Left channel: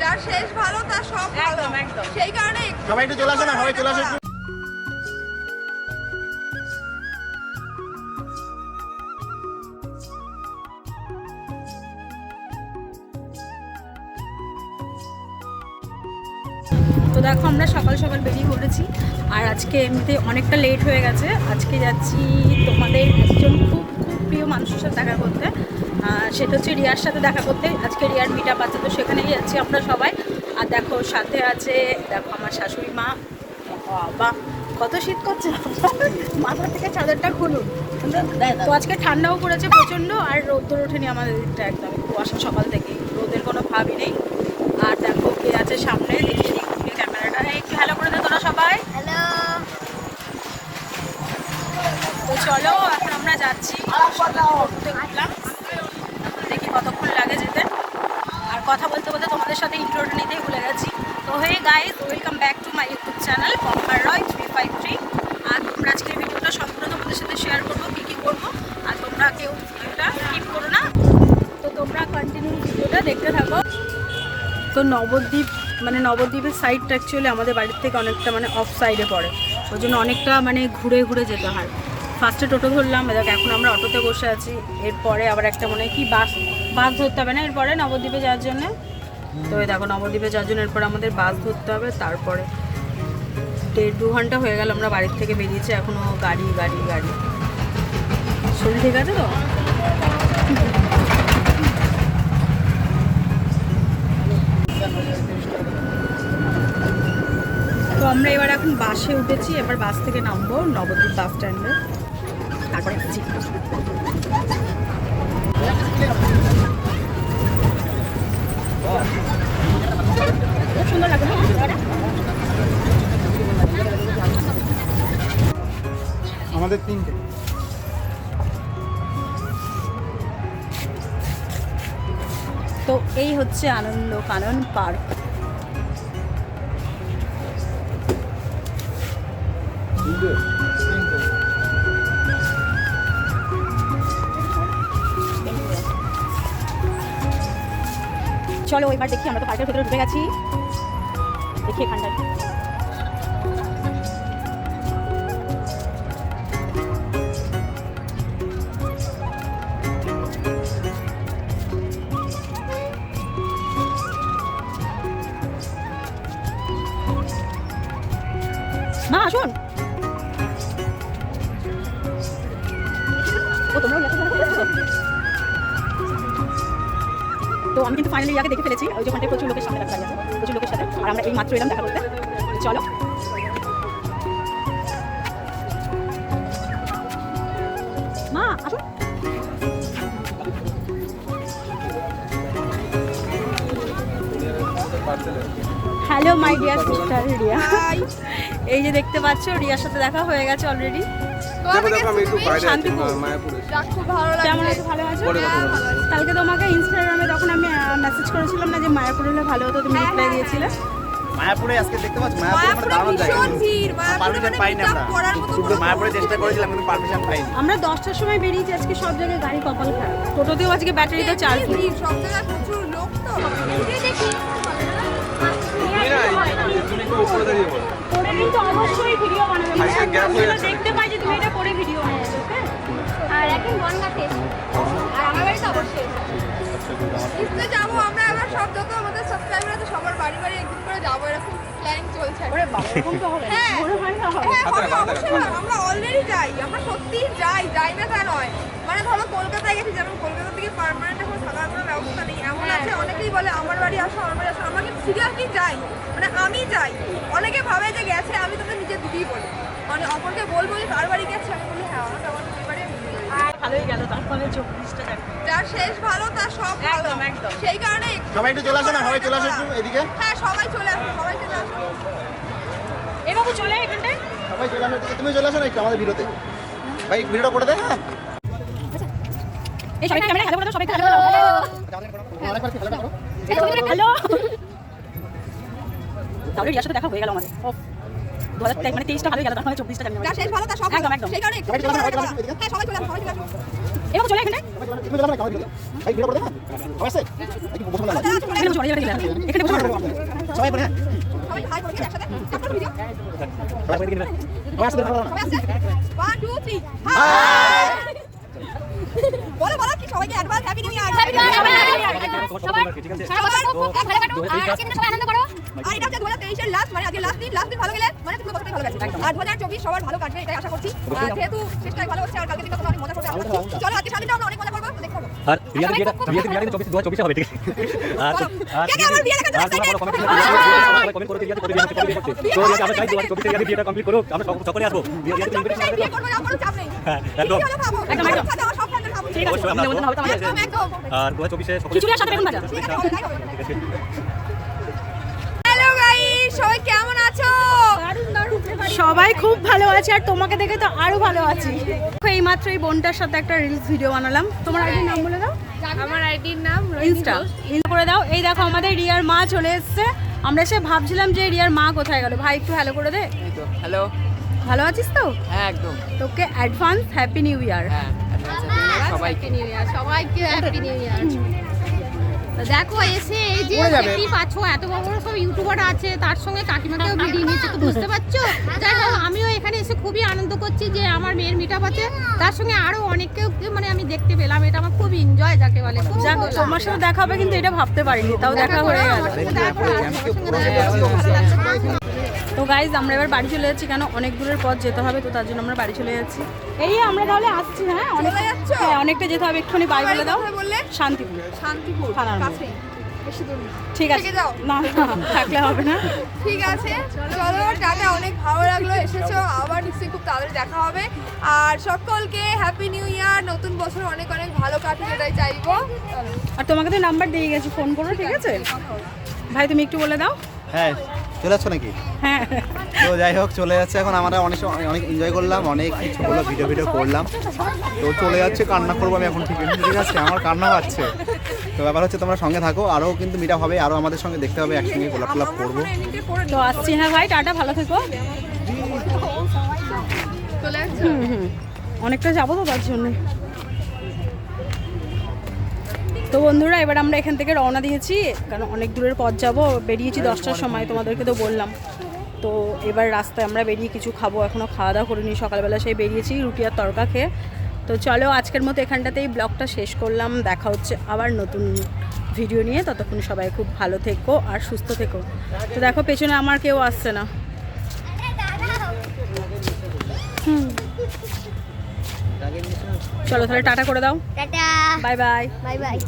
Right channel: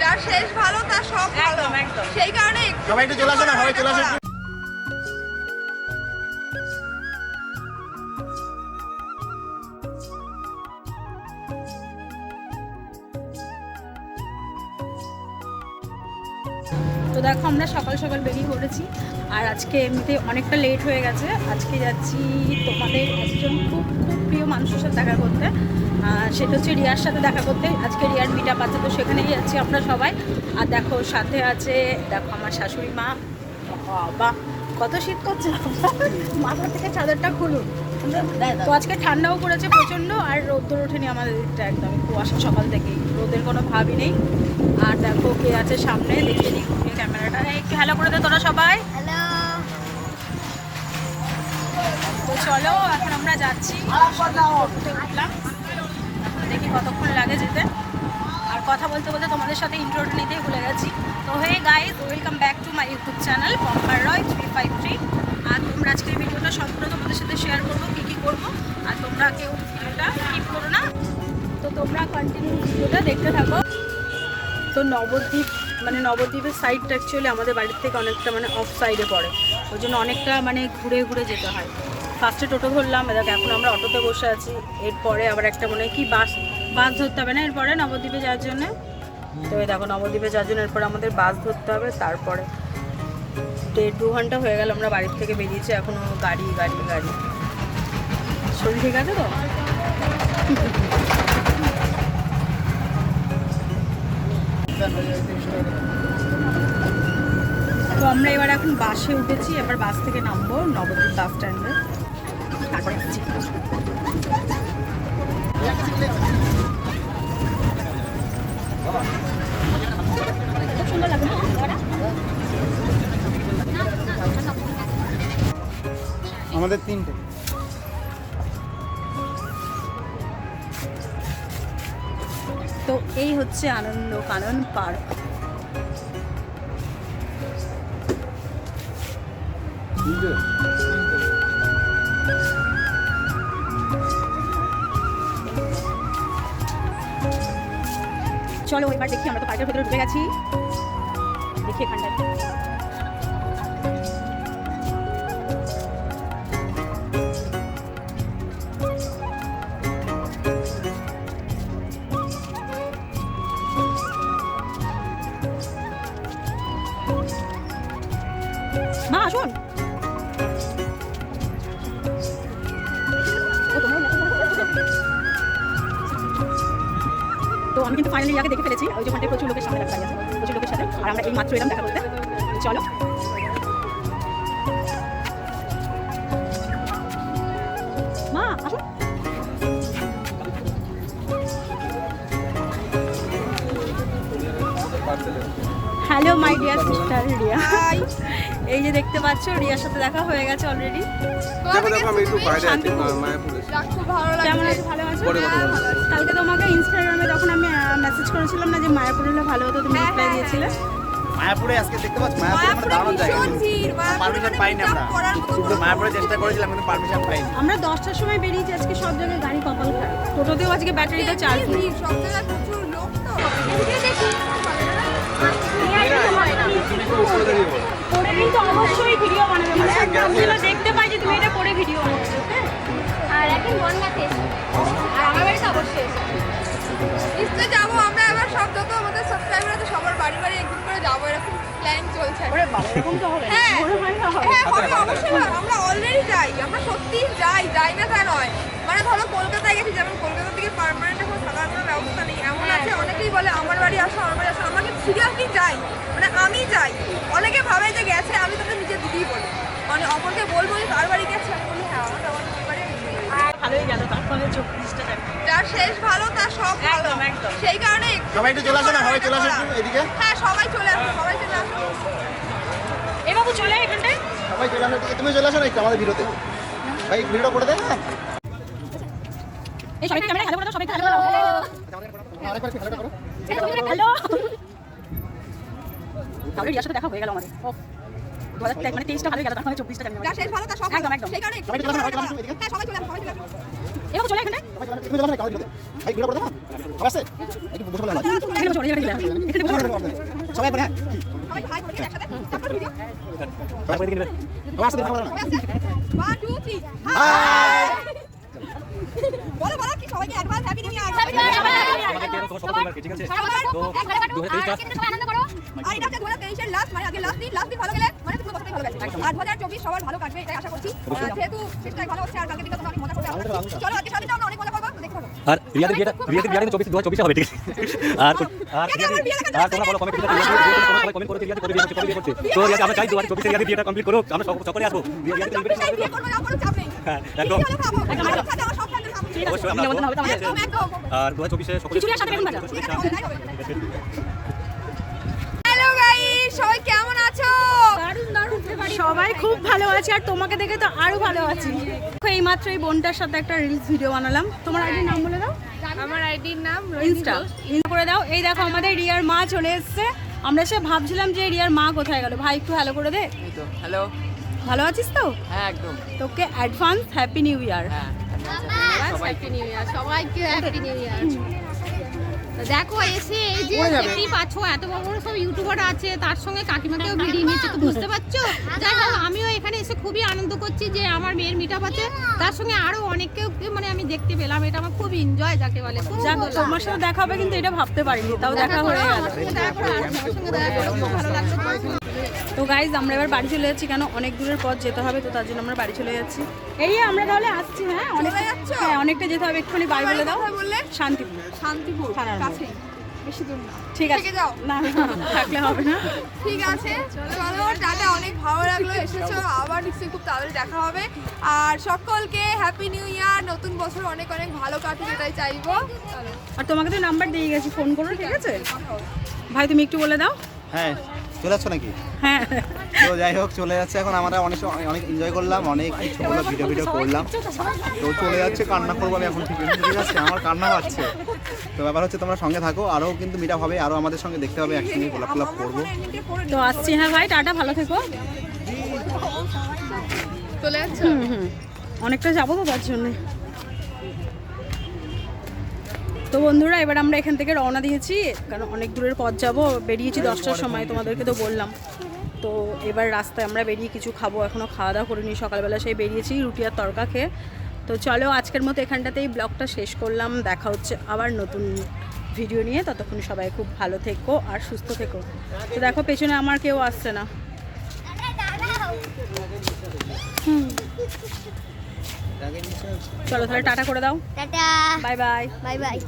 যার শেষ ভালো তার সব ভালো। একদম, একদম। সেই কারণে সবাই একটু চলে আসো না সবাই চলে আসো। তো দেখো আমরা সকাল সকাল বেরিয়ে পড়েছি। আর আজকে এমনিতে অনেকটা লেট হয়ে গেছে। আজকে যাচ্ছি তোমাদের একজন খুব প্রিয় মানুষের সাথে দেখা করতে। সেটা হচ্ছে রিয়ার সাথে দেখা করতে। আজকে রিয়ার মিট আপ আছে, তো সেখানেই যাচ্ছি আমরা সবাই। আর দেখো, সাথে আছে, দেখো আমার শাশুড়ি মা। বাবা, কত শীত করছে। মাথা থেকে চাদরটা খুলুন। তো আজকে ঠান্ডাও পড়েছে প্রচণ্ড, আর রোদ্দুর ওঠেনি আমাদের দিকটা একদম। কুয়াশা সকাল থেকেই। রোদের কোনো ভাবই নেই। আর দেখো কে আছে সামনে ক্যামেরাটা হ্যালো করে দে তোরা সবাই। হ্যালো তো চলো, এখন আমরা যাচ্ছি। টোটোতে উঠলাম। এখন দেখি কতক্ষণ লাগে যেতে। আর কথা বলতে বলতে তোমাদের সাথে ইন্ট্রোটা নিতেই ভুলে গেছি। তো hey guys welcome back to my YouTube channel পম্পার Roy three five three আর তোমরা আজকের ভিডিওটা সম্পূর্ণ তোমাদের সাথে শেয়ার করব, কী কী করব, আর তোমরা কেউ ভিডিওটা স্কিপ করো না। তো তোমরা কন্টিনিউ ভিডিওটা দেখতে থাকো। তো নবদ্বীপ মানে নবদ্বীপের সাইডটা অ্যাকচুয়ালি আমাদের বাড়ির থেকে অনেকটা মানে অফ সাইডে পড়ে। ওই জন্য অনেকটা মানে ঘুরে ঘুরে যেতে হয়। ফার্স্টে টোটো ধরলাম দেখ, এখন আমরা অটোতে বসে আছি। এরপরে আবার একটা মনে হয় কি বাস বাস ধরতে হবে না? এরপরে নবদ্বীপে যাওয়ার জন্য। তো দেখো, নবদ্বীপে যাওয়ার জন্য এরপরে আমাদের বাস ধরতে হবে, তারপরে দেড় দু ঘণ্টা হয়ে গেল আমরা বাড়ির থেকে বেরিয়েছি এখনও গাড়ি গাড়ি গাড়ি। শরীর ঠিক আছে তো আমরা এবার এখন বাসে উঠেছি, এবার বাস থেকে নামবো নবদ্বীপ বাস স্ট্যান্ডে। তারপরে? আমাদের তিনটে। তো এই হচ্ছে আনন্দ কানন পার্ক। চলো এবার দেখি আমরা তো পার্কের ভেতরে ঢুকে গেছি। দেখি এখানটায়। তো আমি কিন্তু ফাইনালি ইয়াকে দেখে ফেলেছি। ওই যে প্রচুর লোকের সামনে দেখা যাচ্ছে প্রচুর লোকের সাথে। আর আমরা এই মাত্র এলাম দেখা করতে চলো। Hello my dear sister Riya এই যে দেখতে পাচ্ছ রিয়ার সাথে দেখা হয়ে গেছে অলরেডি কোথা থেকে এসছো তুমি শান্তিপুর। ভালো কেমন লাগছে ভালো আছো? হ্যাঁ, ভালো আছি। কালকে তোমাকে ইনস্টাগ্রামে যখন আমি মেসেজ করেছিলাম না যে মায়াপুর হলে ভালো হতো তুমি রিপ্লাই দিয়েছিলে। মায়াপুরে আজকে দেখতে পাচ্ছ? মায়াপুরে ভীষণ ভিড়। মায়াপুরে মানে আমরা। করার মতো কিন্তু মায়াপুরে চেষ্টা করেছিলাম কিন্তু পারমিশন পাইনি। আমরা দশটার সময় বেরিয়েছি আজকে সব জায়গায় গাড়ি কপাল খারাপ। টোটোতেও আজকে ব্যাটারিটা চার্জ সব জায়গায় অবশ্যই ভিডিও বানাবে। মানে যেন দেখতে পাই যে তুমি এটা পরে ভিডিও বানাচ্ছো হ্যাঁ? আর এখন বনগাতে আর আমার বাড়িতে অবশ্যই নিশ্চয়ই যাব আমরা এবার সব যত আমাদের সাবস্ক্রাইবার আছে সবার বাড়ি বাড়ি একদিন করে যাব এরকম প্ল্যানিং চলছে ওরে বাবা এরকম তো হবে হ্যাঁ। না হ্যাঁ হবে অবশ্যই আমরা অলরেডি যাই আমরা সত্যি যাই যাই না তা নয়। মানে ধরো কলকাতায় গেছি যেমন কলকাতা থেকে পার্মানেন্ট এখন থাকার কোনো ব্যবস্থা নেই এমন বলে আমার বাড়ি আসো আমার বাড়ি আসো। আমরা কিন্তু সিরিয়াসলি যাই মানে আমি যাই অনেকে ভাবে যে গেছে আমি তোকে নিজের দিদি বলি। মানে অপরকে বলব যে তার বাড়ি গেছে? আমি বলি হ্যাঁ আমার বাড়ি। ভালোই গেল চব্বিশটা যার শেষ ভালো তার সব ভালো। একদম, একদম। সেই কারণে সবাই একটু চলে আসো না? সবাই চলে আসো একটু এদিকে? হ্যাঁ সবাই চলে আসো সবাই চলে আসো। এ বাবু চলে এখানটায়। সবাই চলে আসো তুমি চলে আসো না একটু আমাদের ভিডিওতে ভাই ভিডিওটা করে দে হ্যাঁ। ক্যামেরা হ্যালো দাও হ্যালো দেখা হয়ে গেল আমাদের। মানে তেইশটা ভালো গেল তাহলে চব্বিশটা হ্যাঁ এরকম চলে বলে। এখানে। সবাই করে হ্যাঁ সবাই হাই করবি একসাথে। সবাইকে advance happy new year happy আর এটা হচ্ছে দু হাজার তেইশের লাস্ট মানে আজকে লাস্ট দিন লাস্ট দিন ভালো গেলে মানে পুরো বছরটাই ভালো গেছে আর দু হাজার চব্বিশ সবার ভালো কাটবে এটাই আশা করছি যেহেতু শেষটাই ভালো হচ্ছে আর কালকে দিনটা তোমরা অনেক মজা করবে চলো আজকে সারাদিনটা আমরা অনেক মজা করব আর রিয়াদের বিয়েটা রিয়াদের বিয়েটা চব্বিশ দু চব্বিশে হবে ঠিক আর? কমেন্ট কমেন্ট করে? রিয়াদের করতে তো রিয়াদ আমরা চাই দু হাজার চব্বিশে রিয়াদের বিয়েটা কমপ্লিট আমরা সকলে আসব। আর দু হাজার চব্বিশে। হ্যালো গাইস কেমন আছো? সবাই খুব ভালো আছে আর তোমাকে দেখে তো আরও ভালো আছি। এই মাত্র এই বোনটার সাথে একটা রিলস ভিডিও বানালাম। তোমার আইডির নাম বলে দাও। আমার আইডির নাম ইনস্টা ইনস্টা করে দাও। এই দেখো আমাদের রিয়ার মা চলে এসছে। আমরা সে ভাবছিলাম যে রিয়ার মা কোথায় গেল। ভাই একটু হ্যালো করে দে। এই তো হ্যালো ভালো আছিস তো? হ্যাঁ একদম। তোকে অ্যাডভান্স হ্যাপি নিউ ইয়ার হ্যাঁ সবাইকে। নিউ ইয়ার সবাইকে সবাইকে হ্যাপি নিউ ইয়ার দেখো এসে এই যে দেখতেই পাচ্ছ এত বড় বড় সব ইউটিউবার আছে তার সঙ্গে কাকিমাকেও ভিডিও নিচ্ছে তো বুঝতে পারছ? যাই হোক আমিও এখানে এসে খুবই আনন্দ করছি যে আমার মেয়ের মিট আছে। তার সঙ্গে আরও অনেককেও মানে আমি দেখতে পেলাম এটা আমার খুব এনজয় যাকে বলে। যাক তোমার সাথে দেখা হবে কিন্তু এটা ভাবতে পারিনি তাও দেখা হয়ে গেল। ভালো লাগল। তো গাইজ আমরা এবার বাড়ি চলে যাচ্ছি কেন? অনেক দূরের পথ যেতে হবে তো তার জন্য আমরা বাড়ি চলে যাচ্ছি। এই আমরা তাহলে আসছি হ্যাঁ? অনেক চলে হ্যাঁ অনেকটা যেতে হবে একটুখানি বাড়ি বলে দাও? শান্তিপুর। শান্তিপুর না। ঠিক আছে। যাও। না না, থাকলে হবে না। ঠিক আছে। চলো টাটা অনেক ভালো লাগল এসেছ। আবার নিশ্চয়ই খুব তাড়াতাড়ি দেখা হবে। আর সকলকে হ্যাপি নিউ ইয়ার নতুন বছর অনেক অনেক ভালো কাটুক এটাই চাইব। আর তোমাকে তো নাম্বার দিয়ে গেছি ফোন করো ঠিক আছে? ভাই তুমি একটু বলে দাও। হ্যাঁ। চলে যাচ্ছ নাকি? হ্যাঁ তো যাই হোক চলে যাচ্ছে এখন। আমরা অনেক অনেক এনজয় করলাম অনেক কিছু হলো ভিডিও ভিডিও করলাম। তো চলে যাচ্ছে কান্না করব আমি এখন ঠিক ঠিক আছে আমার কান্না পাচ্ছে তো ব্যাপার হচ্ছে তোমরা সঙ্গে থাকো আরও কিন্তু মিটা হবে আরও আমাদের সঙ্গে দেখতে হবে একসঙ্গে গোলাপ গোলাপ করব। তো আসছি হ্যাঁ ভাই টাটা ভালো থেকো। চলে যাচ্ছে অনেকটা যাব তো তার জন্যে। তো বন্ধুরা এবার আমরা এখান থেকে রওনা দিয়েছি কারণ অনেক দূরের পথ যাব। বেরিয়েছি দশটার সময় তোমাদেরকে তো বললাম। তো এবার রাস্তায় আমরা বেরিয়ে কিছু খাব এখনও খাওয়া দাওয়া করিনি সকালবেলা সেই বেরিয়েছি রুটি আর তরকা খেয়ে। তো চলো আজকের মতো এখানটাতেই ব্লগটা শেষ করলাম দেখা হচ্ছে আবার নতুন ভিডিও নিয়ে। ততক্ষণ সবাই খুব ভালো থেকো আর সুস্থ থেকো। তো দেখো পেছনে আমার কেউ আসছে না। চলো তাহলে টাটা করে দাও। Tata. Bye bye. Bye bye.